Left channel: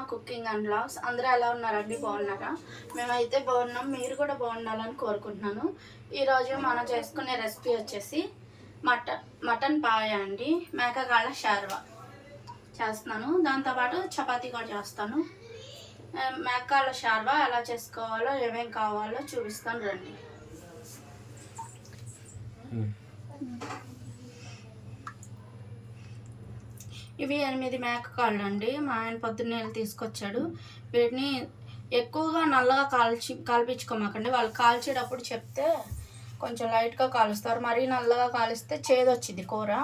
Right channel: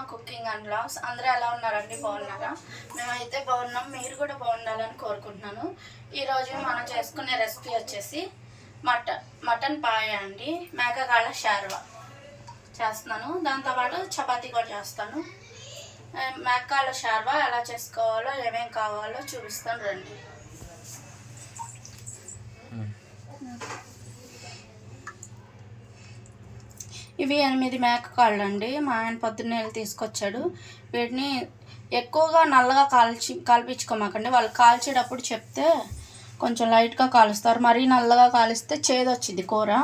Sharma cooking and vlogs. అందరూ ఎలా ఉన్నారండి? బాగున్నారా? మేమైతే బాగున్నాం. మీరు కూడా బాగుండాలని కోరుకుంటున్నాను. ఈరోజు మనం చేసుకునే రెసిపీ వచ్చేసి మటన్ పాయ అండి. మేకగాళ్ళ షార్వా చేస్తున్నాను. దాంతోపాటు చపాతీ కూడా చేస్తాను. మేకగాళ్ళ షార్వా ఎలా చేసుకోవాలో, ఏమేమి కావాలో చూపిస్తాను రండి. ఇవి 8 మేకకాళ్ళు అండి. మా ఆయన పొద్దున్నే తీసుకొచ్చాడు. వీటిని ఎక్కువగా నల్లగా కాల్పించుకోమాకండి. వాళ్ళు కాల్చేటప్పుడు చెప్తే కొంచెం లైట్గా కాలుస్తారు. మరీ నల్లగా కాలిస్తే చేదు వచ్చింది కూర.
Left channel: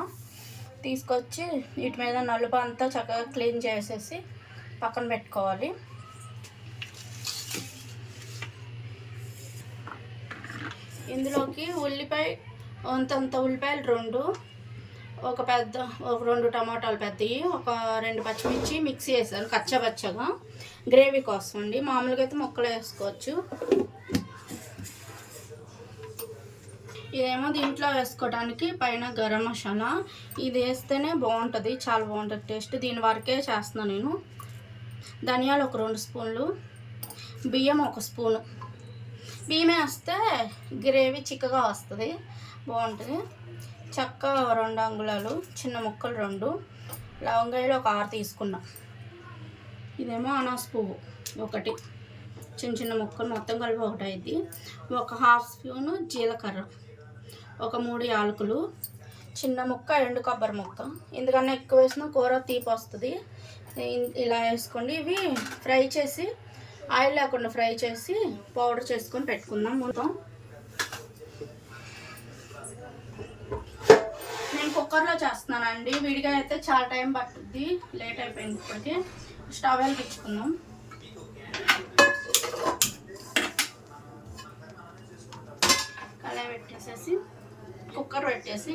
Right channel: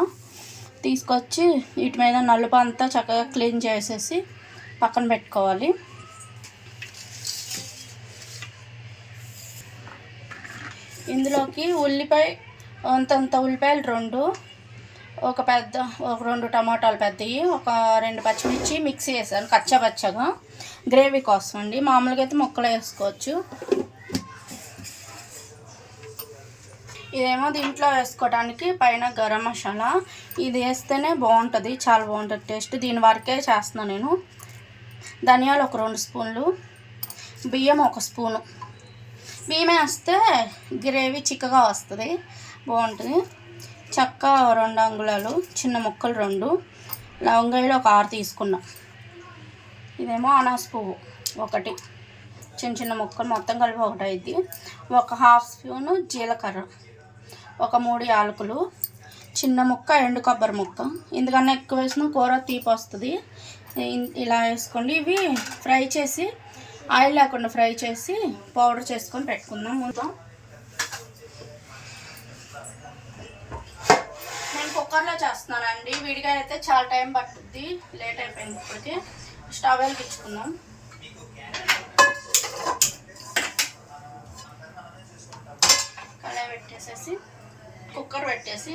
తీసుకొచ్చి వీటి మీద నలుపు అంతా చక్కగా క్లీన్ చేసేసి పక్కన పెట్టుకోవాలి. ఇందులోకి ఉల్లిపాయ అంతంత ఉల్లిపాయలు 2, ఒక 2 టమాటాలు పెద్దవి, ఒక 2 పచ్చిమిర్చి మిక్సీ వేసాను కచ్చాపచ్చగా గ్రేవీ కోసం అండి. మామూలుగా అయితే ముక్కలు వేసుకోవచ్చు. ఇదేమో దీంట్లో వేసుకోవడానికి పైన గరం మసాలా. ఇది వేస్తేనే బాగుంటుంది, చాలా బాగుంటుంది టేస్ట్. దీని వరకే చేస్తున్నాను నేను. ధనియాలు ఒక 2 స్పూన్లు, బియ్యం 1 స్పూను. బియ్యం వేస్తే గ్రేవీ చిక్కగా వస్తుంది, బాగుంటుంది. చెక్క 2 అంగుళాలు, చిన్న ముక్కలు 2, లవంగాయలు ఒక 6 తీసుకున్నా. ఇదేమో అనాస పువ్వు 1, చిన్న ముక్కలు మొత్తం కలిపి 1 అయింది. ఒక 1/2 స్పూను జీలకర్ర, ఒక 3 యాలకులు, చిన్న ముక్క ఎండు కొబ్బరి ముక్క. ఎందుకన్నా ఎక్కువ వేసిన కూర తీపి వస్తుంది. ఇలా వేసుకోండి. ఇవి ఫ్రై చేసి, ఆయిల్ లేకుండా ఫ్రై చేసి పౌడర్ చేసుకొని పెట్టుకుందాం. మొత్తం నేను కుక్కర్లో చేస్తున్నానండి. విడిగా అయితే చాలా టైం పట్టుద్ది, లేట్ అయిపోయింది. ఇప్పటికి స్టవ్ వెలిగించుకుందాం. కళాయి పెట్టేసేసి కుక్కర్ పెట్టేసి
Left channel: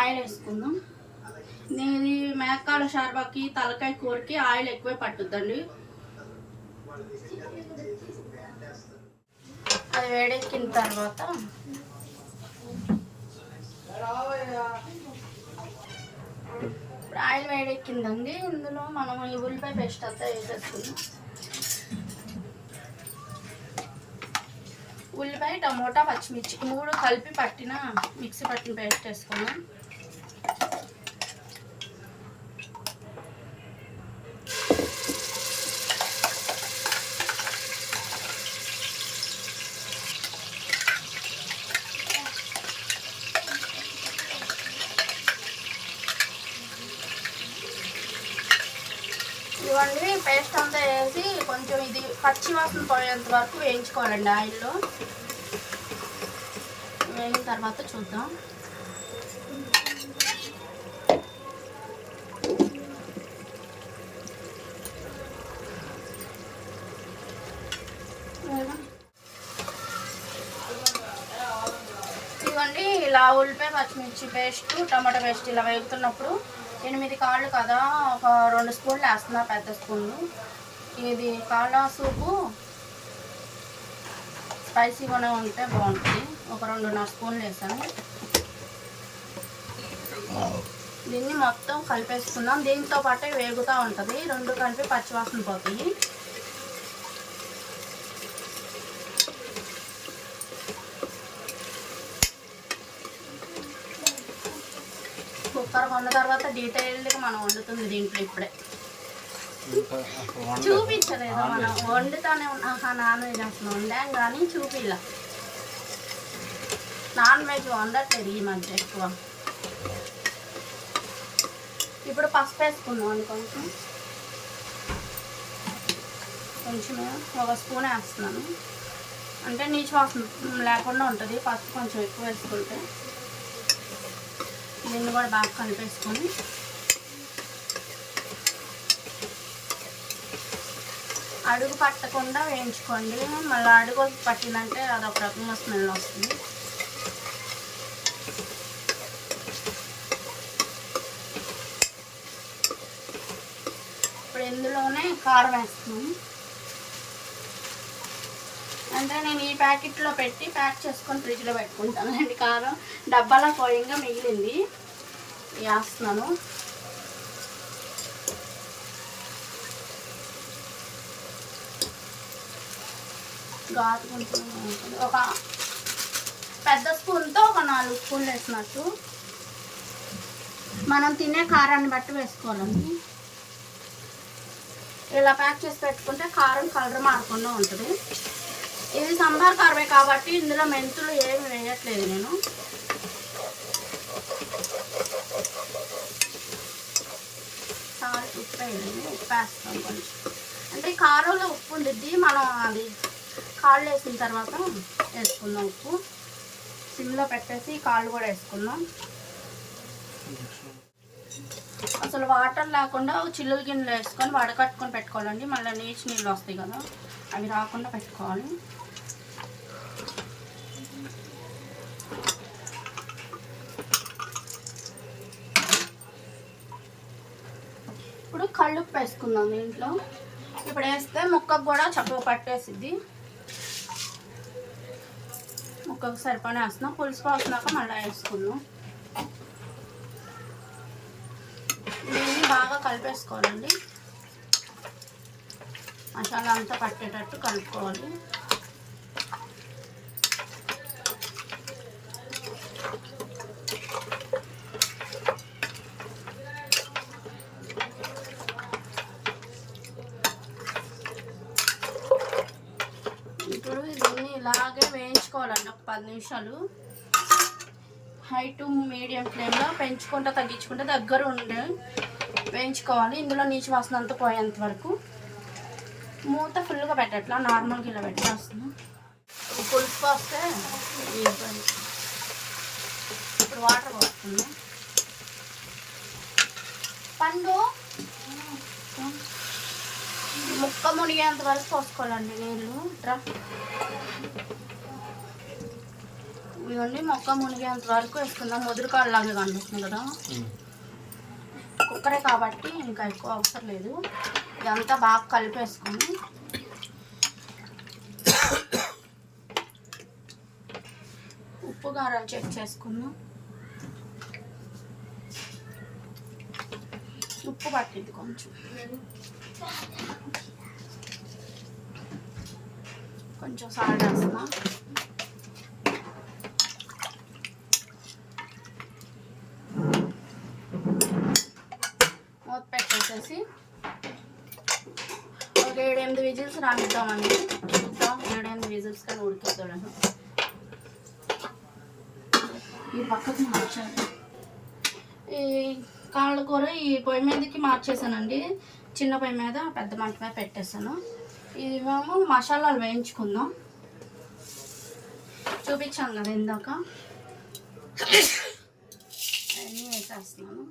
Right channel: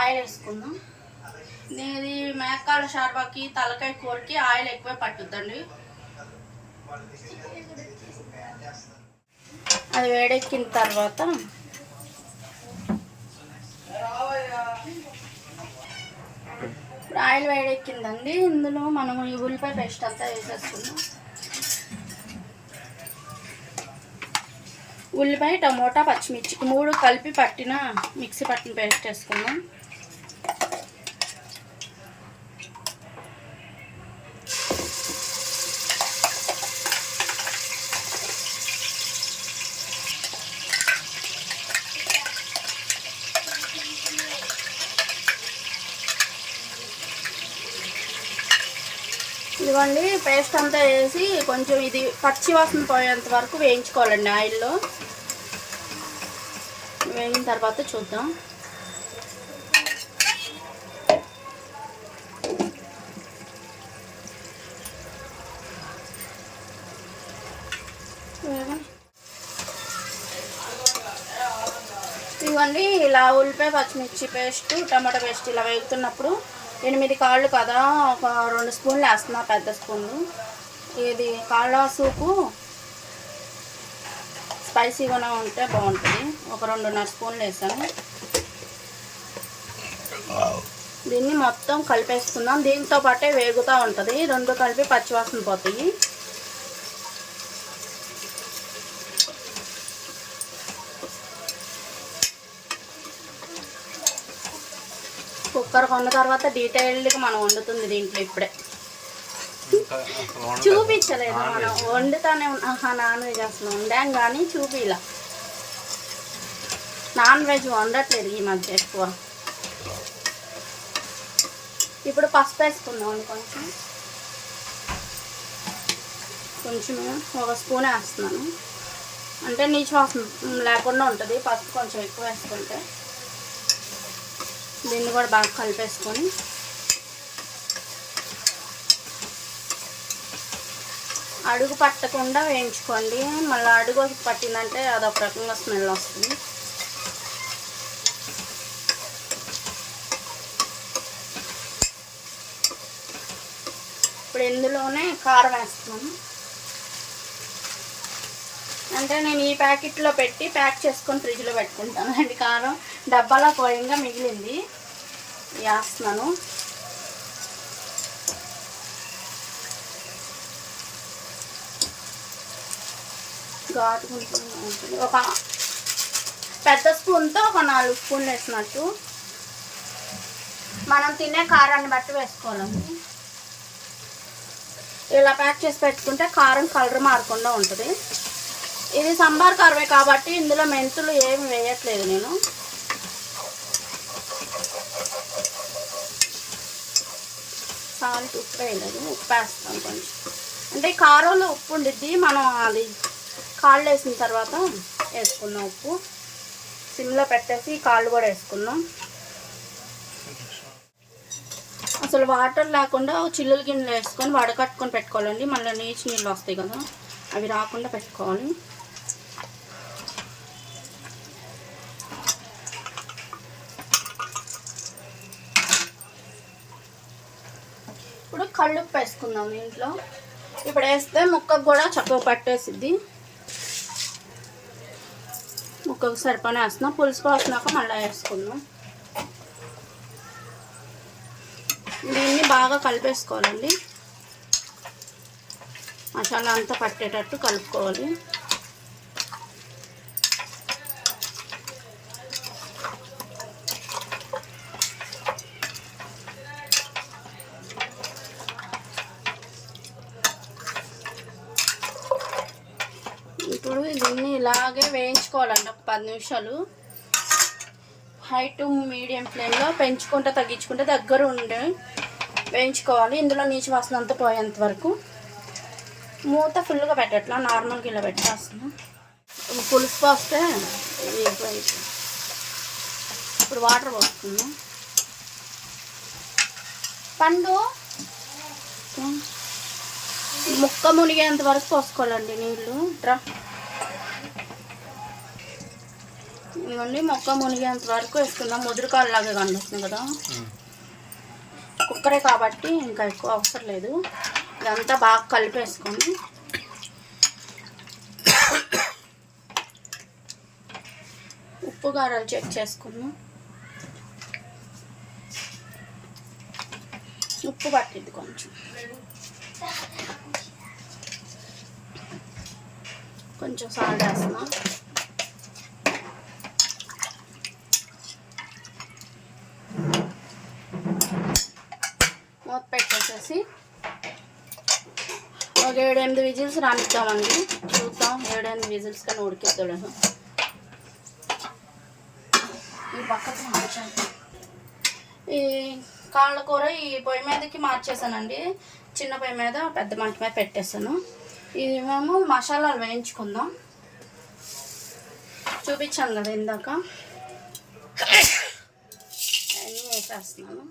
ఆయిల్ వేసుకుందాం. ఇది మేకకాళ్ళ షార్వాకి, తలకాయ కూరకి ఆయిల్ ఎక్కువే పట్టుద్దండి. అది వేడెక్కిన తర్వాత ఆయిల్ వేడెక్కిందండి. ఇందులో మనం ఈ ఉల్లిపాయ పేస్ట్ అంతా వేసేసుకుందాం. ఉల్లిపాయ, టమోటా, పచ్చిమిర్చి 3 కలిపి పట్టిన మిక్సీ పట్టిన పేస్ట్ వేసుకుందాం. ఇవ్వండి, పేస్ట్ అంతా వేసి కొంచెం ఇది పచ్చి వాసన పోయేంత వరకు వేయించుకోవాలండి ఆయిల్లో. వేగిన తర్వాత చూద్దాం. ఇవ్వండి, ఇలా ఉల్లిపాయ, పచ్చిమిర్చి పేస్ట్, టమాటా పేస్ట్ ఇలా వేగుతున్నప్పుడు 8 కాళ్ళు కదా, ఒక 2 స్పూన్లు వేస్తున్నా, పెద్ద స్పూన్లు. ఇది కాళ్ళ సూపు స్పైసీగానే ఉంటే బాగుంటుంది. ఒక 2.5 స్పూన్లు వేసాను. దీన్ని మొత్తం కలిపేసుకుందాం. దీంతో పాటే వేగుతూ ఉంటుంది. 2 కలిపి పచ్చివాసన పోతాయి. కుక్కర్ కొన్న తర్వాత డీటెయిల్డ్గా మనం వండుతుంది దీంట్లో. ఇప్పుడే చూపించలేదు, వండుతానే నాన్ వెజ్ అసలు వండాం కానీ చూపిలా. నాన్ వెజ్ వండట్లేదు ఈ మధ్య ఎక్కువ. ఇప్పుడు పసుపు వేసుకుందాం. కొంచెం 1 స్పూన్ వేస్తున్నాను, అంటే నీచు వాసన లేకుండా ఉంటుంది. పసుపు కొంచెం ఎక్కువ వేసుకుంటే. దీన్ని కూడా బాగా కలిపేసుకొని అడుగు పట్టకుండా వేయించుకోండి. మళ్ళీ అడుగు పట్టిందంటే అదొక రకంగా స్మెల్ వస్తుంది. ఇప్పుడు ఇందులోనే కారం వేస్తున్నాను. అంటే నేను ఈ ప్యాకెట్లో పెట్టి ప్యాక్ చేసుకొని ఫ్రిడ్జ్లో పెట్టుకుంటాను. అది కారం డబ్బాలో పోయంగా మిగిలింది వేస్తున్నాను. ఘాటు కొంచెం ఒక పెద్ద స్పూన్తో ఒక 4 స్పూన్లు వేసినట్టు. మనం తినే కారాన్ని బట్టి వేసుకోవాలండి. ఇలా ప్యాక్ చేసి పెట్టుకుంటే కారం కలర్ మారకుండా ఉంటుంది. ఇది సాంబార్ కర్రీ కాబట్టి ఇందులో మెంతులు ఏమి వేయట్లేదు నేను. సాల్ట్ ఉప్పు వేయలేదు, ఉప్పు వేస్తాం కొంచెం. అంటే కారంలో ఉప్పు ఉండిద్ది, మనం అది కాళ్ళు వేసిన తర్వాత వేసుకుందాం. ఉప్పు సిమ్లో పెట్టేసి కాళ్ళు కూడా వేసుకుందాం. అసలు వాటర్ లేకుండా చిల్లుల గిన్నెలు వేసుకొని వడకట్టుకొని పెట్టుకోవాలండి. మళ్ళీ నీళ్ళు వస్తాయి కదా, అవి రాకుండా పెట్టుకోవాలి. ఇప్పుడు కళ్ళుప్పు వేసుకుందాం దీంట్లో. ఇప్పుడు వేస్తే ముక్కకు కూడా చక్కగా పట్టేసిద్ది. ముక్కకు సరిపడా వేస్తున్నాం. పులుసు పోసినాక మళ్ళీ వేసుకుందాం. దీన్ని బాగా కలిపేసుకోవాలండి. మసాలా అంతా పట్టేటట్టు కలుపుకోవాలి. ఇప్పుడు దీన్ని ఇలాగే వేయించుకోవాలండి ఒక 10 నిమిషాలు. హై టు మీడియం ఫ్లేమ్లో పెంచుకుంటే తగ్గించుకుంటే దగ్గర ఉండే వేయించుకోవాలి. ఇందులో నీచు వాసన అంతా పోయేంత వరకు. మూత ఫుల్గా పెట్టట్లా, నార్మల్గా ఇలా పెట్టేస్తున్నాం. పులుసు పోస్తే ఇప్పుడు వాటర్ పోస్తుంది. పండు ముక్క మునిగేంత వరకు పోసుకోవాలండి నీళ్ళు. ఇవన్నీ మొక్క మునిగేంత వరకు వేసుకుందాం. ముదురుకాయలాగా కనిపిస్తుంది కదా, కుక్కరే కాబట్టి ఇంకా ఎక్కువ అవసరం లేదు. ఇదంతా బాగా కలిపేసుకొని ఉప్పు కారాలు చెక్ చేసుకుందాం. ఉప్పు పట్టింది కొంచెం, కొంచెం సాల్ట్ వేస్తున్నాం. మూత పెట్టేసేసి ఒక 7-8 విజిల్స్ రానిద్దామండి. చూద్దాం 7-8 విజిల్స్ కానీ ఉడికిద్దాం. ఈ పక్కకు మార్చాలి. ఈ కాళ్ళ కూర ఈ పొయ్యి మీదకి మార్చేసానండి. చిన్న పొయ్యి మీద పెద్ద మంట మీద పెట్టేసాను. ఇది మేము మసాలాలు వేయించుకుందాం. చూపించాను కదా ఇందాక, అన్నీ వేసేస్తున్నాను.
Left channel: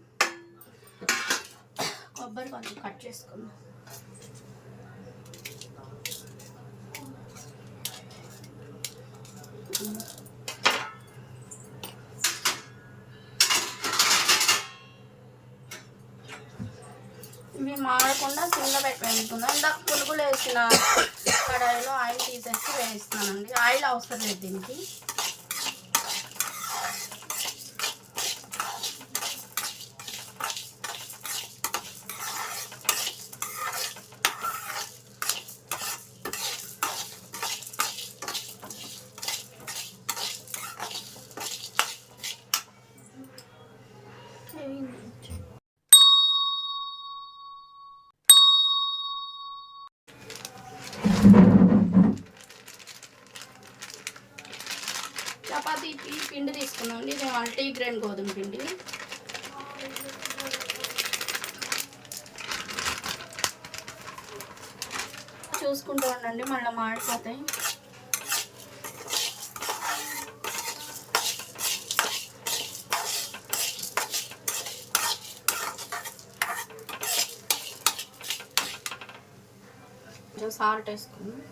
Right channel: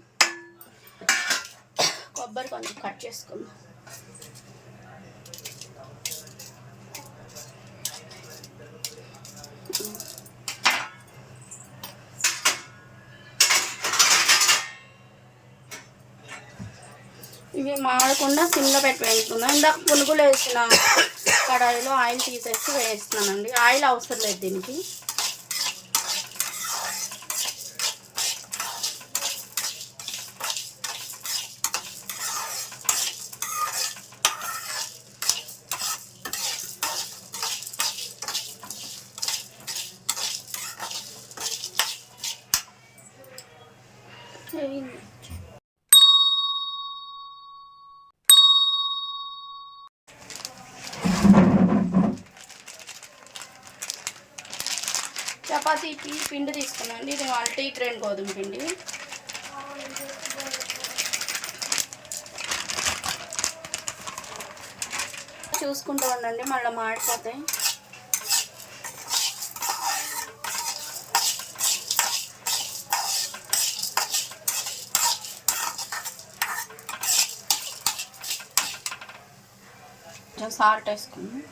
కొబ్బరి కొంచెం కట్ చేసుకుందాం. ఇవి మాడకుండా సిమ్లో పెట్టి వేసుకుందాం. ఇందాక పునుగులు వేసిన కడాయిలో ఆయిల్ తీసేసి వేస్తున్నానండి. ఆయిల్ అవసరం లేదు దీనికి. చపాతీకి పిండి తీసుకున్నాండి. ఇది మల్టీ గ్రెయిన్ గోధుమ పిండి. చూసుకుంటూ ఉండండి, మళ్ళీ మాడిపోతాయి. కొంచెం సాల్ట్ వేసుకున్నాం.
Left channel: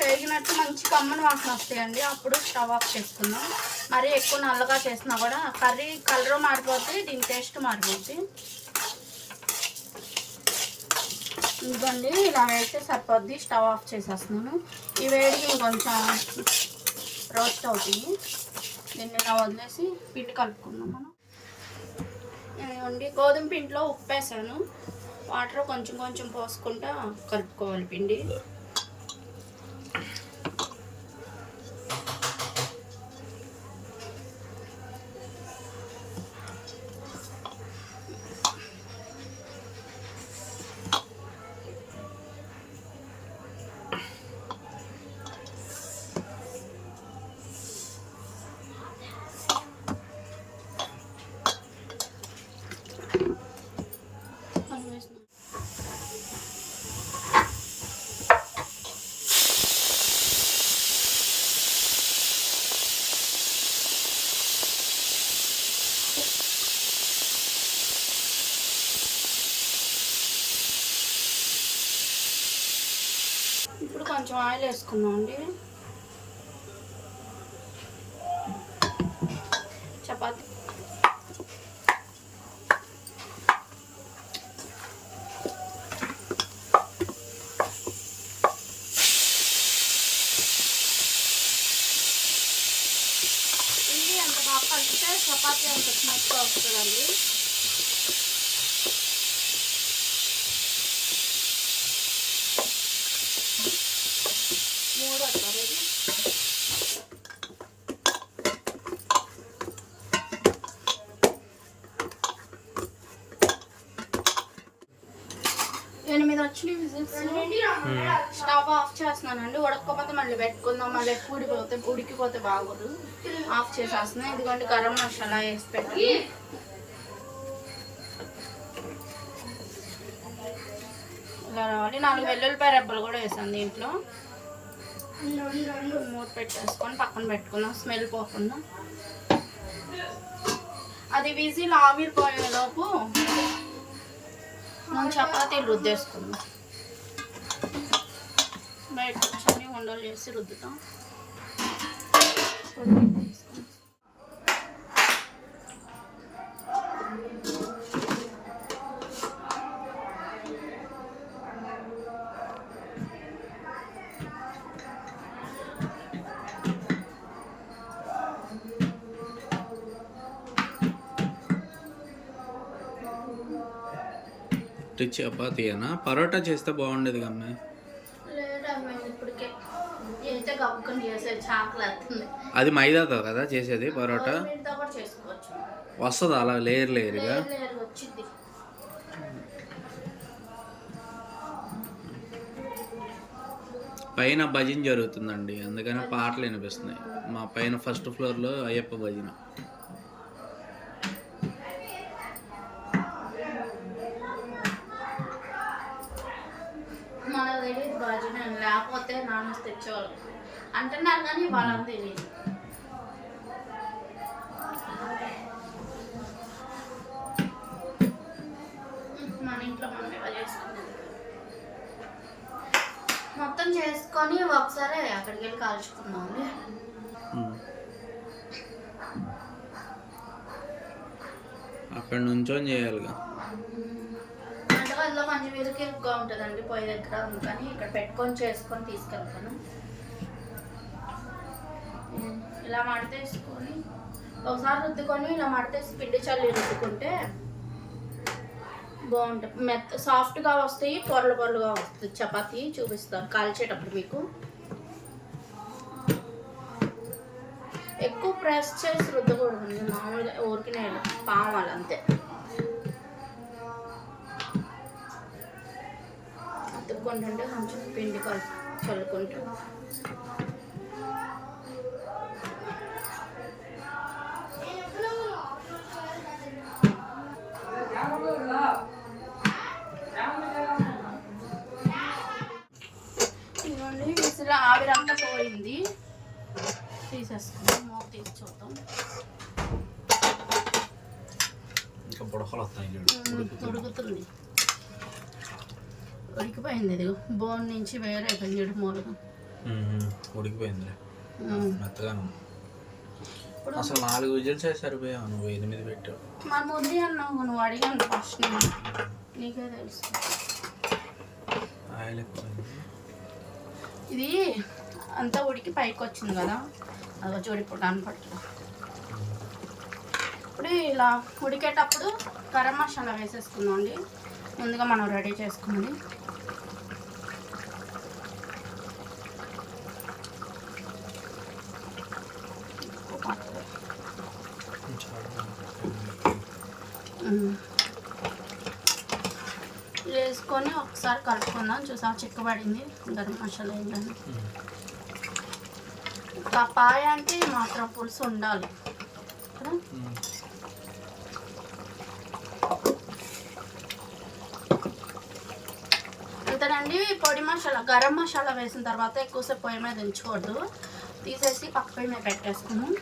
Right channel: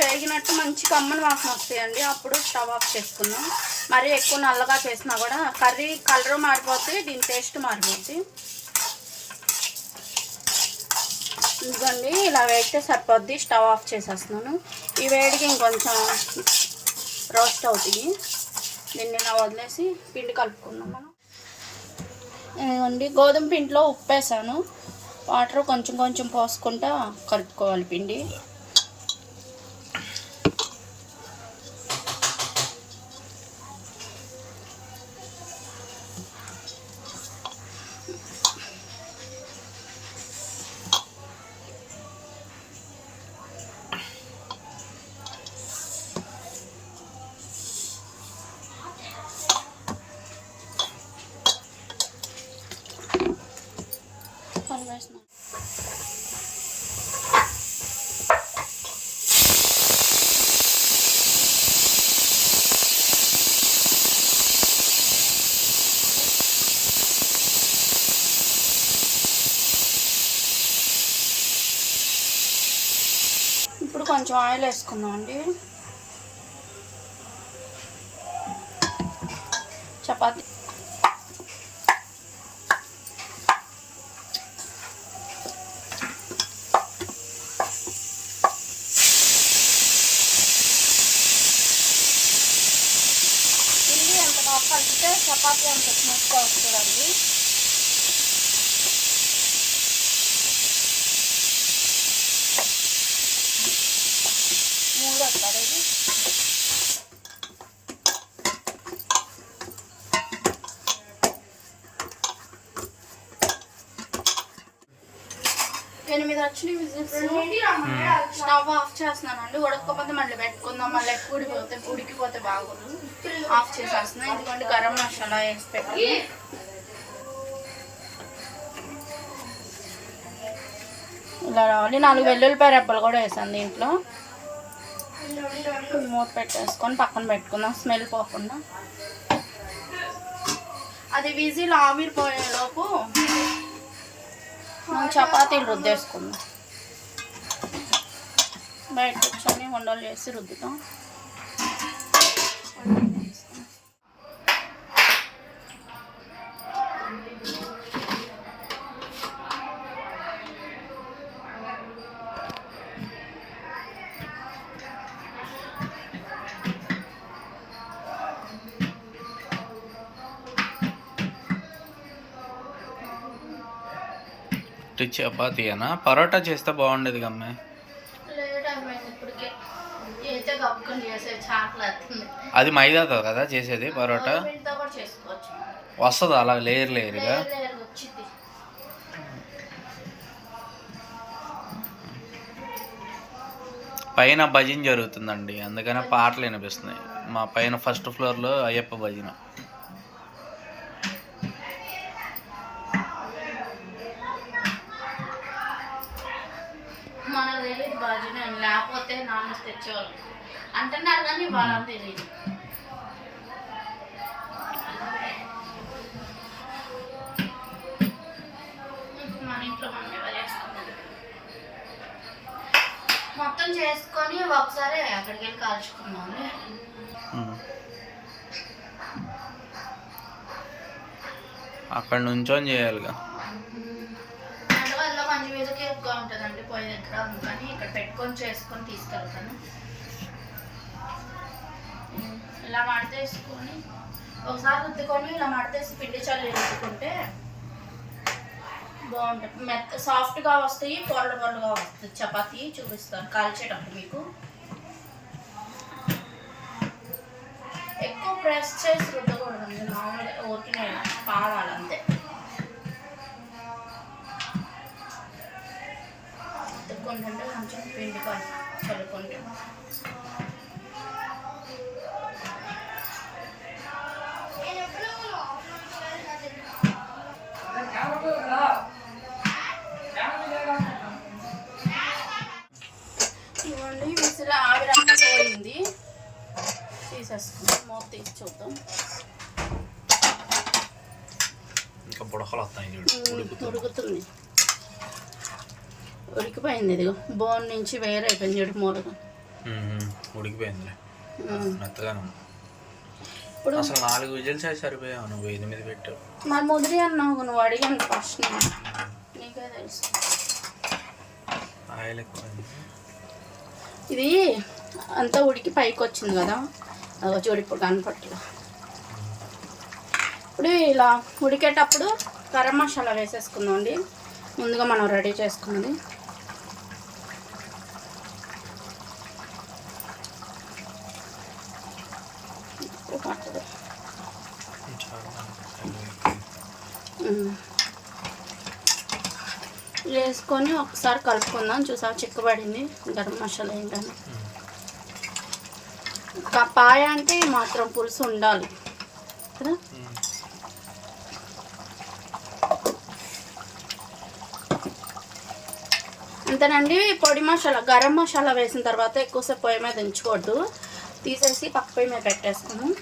వేగినట్టు మంచి కమ్మని వాసన వస్తాయండి. అప్పుడు స్టవ్ ఆఫ్ చేసుకుందాం. మరి ఎక్కువ నల్లగా చేసినా కూడా కర్రీ కలర్ మారిపోతే దీని టేస్ట్ మారిపోతుంది. ఇదిగోండి ఇలా వేస్తే సరిపోద్ది. స్టవ్ ఆఫ్ చేసేస్తున్నాను. ఈ వేడికి ఇంకొంచెం రోస్ట్ అవుతాయి. దీన్ని ఇలా వదిలేసి పిండి కలుపుకుందాం మనం. ఇదిగోండి గోధుమ పిండిలో ఉప్పు వేసాను. వాటర్ కొంచెం కొంచెం పోసుకుంటా కలుపుకోవాలి పిండి. ఇప్పుడు కొంచెం ఆయిల్ వేసుకుందామండి. చపాతీ ఇది ఎంత బాగా కలిపితే చపాతీ అంత స్మూత్గా వస్తుందండి. మూడు వస్తుంది ఇది. ఎనిమిది వచ్చినాయి విజిల్స్. స్టవ్ ఆఫ్ చేస్తున్నానండి. ఉడకపోతే మళ్ళీ పెట్టుకుందాం. మళ్ళీ ఎక్కువ ఉడికిపోతే బాగోదు. ఆఫ్ చేసేస్తున్నాను. ఇదిగోండి గరం మసాలా వేసి పెట్టి ఇలా రావాలి. 4 వెల్లుల్లిపాయ రెబ్బలు కూడా వేసాను దీంట్లో. మూత పెట్టేసుకొని పక్కన పెట్టుకుందాం స్మెల్ పోకుండా. అది విజిల్ ఆవిరిపోయేలోపు మనం చపాతీలు రుద్దేసుకుందాం. బయట కూర్చొని వంటలు చేసి రుద్దుతాం. చపాతీనా పరోటా చేస్తే బాగుండేది అమ్మాయి. అది మైదాతో కదా చేసేది పరోటా. వస్తుంది అలా లేయర్ లేయర్గా. పైన భజన జరుగుతుందండి, అందుకనే పాటలు వినిపిస్తున్నాయి. మా పైన ఫస్ట్ ఫ్లోర్లో అయ్యప్ప భజన. లేకపోతే నామస్ తెచ్చేవాళ్ళు అంటున్నారు కానీ వాళ్ళని తెలియదు. మన ఇంట్లో మనం ఇలా చేసుకున్నది మొత్తం చేసుకొని ఒకసారి అక్కడికి వెళ్ళి కాల్చుకుందాం. అక్కడ నుంచొని చేయాలిగా. మంచి మీదకి ఎక్కువ ఉంటుందండి పొయ్యి దగ్గర, అందుకని ఇక్కడ పెట్టుకొని చేసుకొని తీసుకెళ్తాను. ఇలా మడతేసుకొని ఒకసారి రుద్దుకొని ఇలా మడతేసి పిండి చల్లి రుద్దుకుంటే బాగుంటుంది. సాఫ్ట్గా వస్తాయి, పొరలు పొరలుగా వస్తుంది చపాతీ. చూపిస్తాను కాల్చేటప్పుడు మీకు. ఎక్కువ ప్రెస్ చేసి రుద్దకూడదు, మామూలుగా ఊరికి కావాలి అంతే. అతుక్కుంటుంటే కొంచెం పిండి చల్లుకుంటాం. ఇవ్వండి విసిల ఆవిరంతా పోయింది. తీసేసుకుందాం. మూత తీసి చూద్దాం. ఇంకా బుడకలు వస్తాయి చూడు. ఉడుకుతుంది. ఉడికిపోయింది. ఇదిగో బోన్ నుంచి వేరే అయిపోయింది చూడు మూలగా. ఉడికిపోయిందిలే మెత్తగానే. అసలు 4 విజిల్స్ అయితే సరిపోయావు, నువ్వు 8 పెట్టావు. మరి ముదిరి అన్నావు నువ్వు. అడిగాను ఫస్ట్, నీకే తెలుసు. ఆయిల్ ఎక్కువ. ఇది అంతా ఉడికి పైకి వచ్చింది కదా, చూడు ఇప్పుడు కనపట్ల. ఇప్పుడు ఇలా ఉడికేటప్పుడు గరం మసాలా వేసేసుకుందాం అండి, ముందుగా మనం రెడీ చేసుకుంది. వేసుకొని ఒకసారి కలుపుకుందాం. చూసా చిక్కబడింది గరం మసాలా ఏంటని. పాయ అంటే మాత్రం పులుసు ఉండాలి కదా. అంతేనండి. పొడి మసాలా గరం మసాలా వేసిన తర్వాత ఎక్కువసేపు పొయ్యి మీద ఉంచకూడదు, తీసేసి పక్క పొయ్యి మీద పెట్టేసుకుందాం.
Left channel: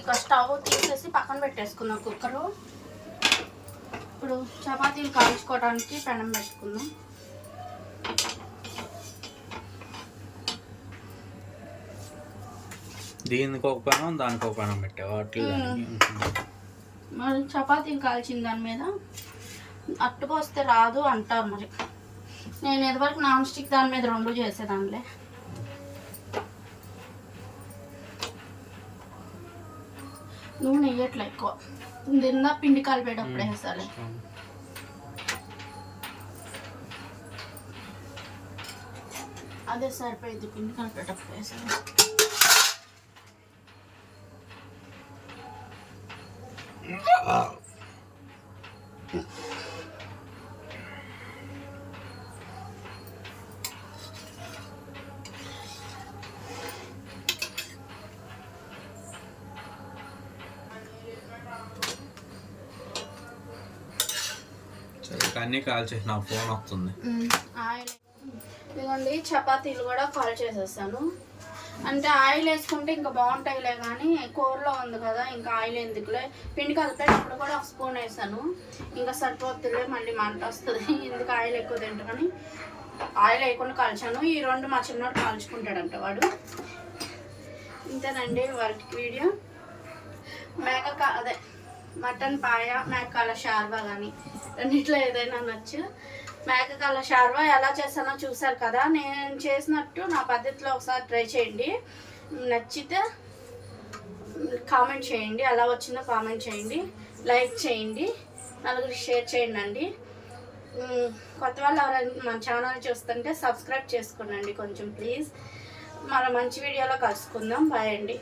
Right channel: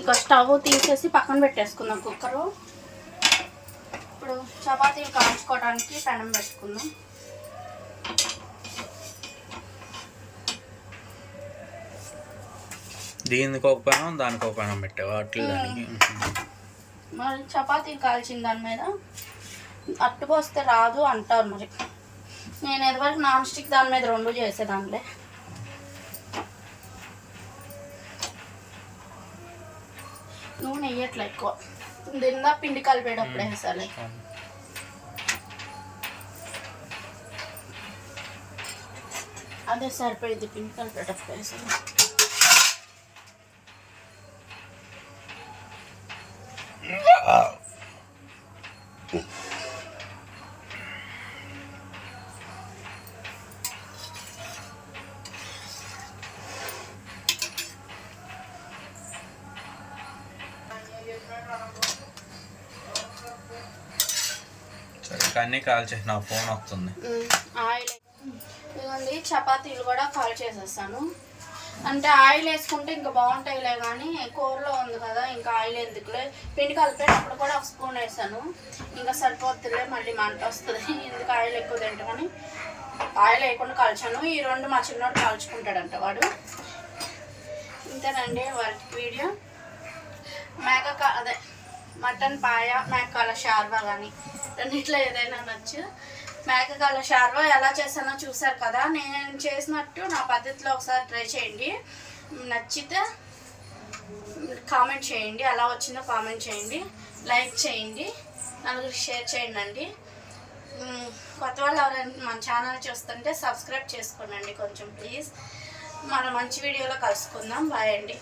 ఇక స్టవ్ తీసేసి పక్కన పెట్టేసుకుందాం కుక్కరు. ఇప్పుడు చపాతీలు కాల్చుకోవడానికి పెనం పెట్టుకుందాం. దీనికి ఒక పెనం, దానికి ఒక పెనం పెట్టావు అట్లా దానికి. మరి చపాతీలు కాల్చిన దాని మీద అట్టుకొస్తే రాదు అంటారు. మరి నేను ఇదివరకు నాన్ స్టిక్ దాని మీద 2 చేసేదానిలే. నూనె వేయట్లే ఎక్కువ, దిందా పిండి కలిపేటప్పుడు వేసాలి. అదే సరిపోయింది, పిండి కలిపేటప్పుడు వేసాలి. అన్నీ కాల్చేసి నా ఫోన్ వస్తుంది. ఆయిల్ ఇదిగోండి, చపాతీలు కూడా కాల్ చేసేస్తాను. అంటే ఆయిల్ వేసుకుంటే ఇంకా బాగుంటాయిలే, కానీ కూరలో ఉంది కదా ఇంకా ఆయిల్ ఎందుకులే. పిండి కలిపేటప్పుడు కూడా 1 స్పూన్ వేసాను, ఇంకా సరిపోతుందిలే, మళ్ళీ మంట వస్తుంది, ఎందుకు ఆయిల్ ఎక్కువ తింటా కానీ ఆయిల్ వేయకుండా కాల్చాను. ఈ 2 మా చిన్నోడు కాల్చుకుంటాడంట వాడు. ఇంతేనండి వాళ్ళ వీడియో. అదే మటన్ పాయ, మేకల షార్వా కానీ రెండిట్లో ఏదైనా నచ్చు. మేకల షార్వా ఎలా చేసానో చూసారు కదా, నేను చేసినట్టు నా పద్ధతిలో ఒకసారి ట్రై చేయండి. నచ్చితే కామెంట్ చేయండి, ఎలా వచ్చిందో కామెంట్ చేయండి, లైక్ చేయండి, నలుగురికి షేర్ చేయండి అండి. కొత్త వాళ్ళు ఎవరైనా మన ఛానల్ చూస్తుంటే సబ్స్క్రైబ్ చేసుకోండి కొంచెం ప్లీజ్. మనం మంచి వీడియోలో కలుసుకుందాం. బాయ్ అండి.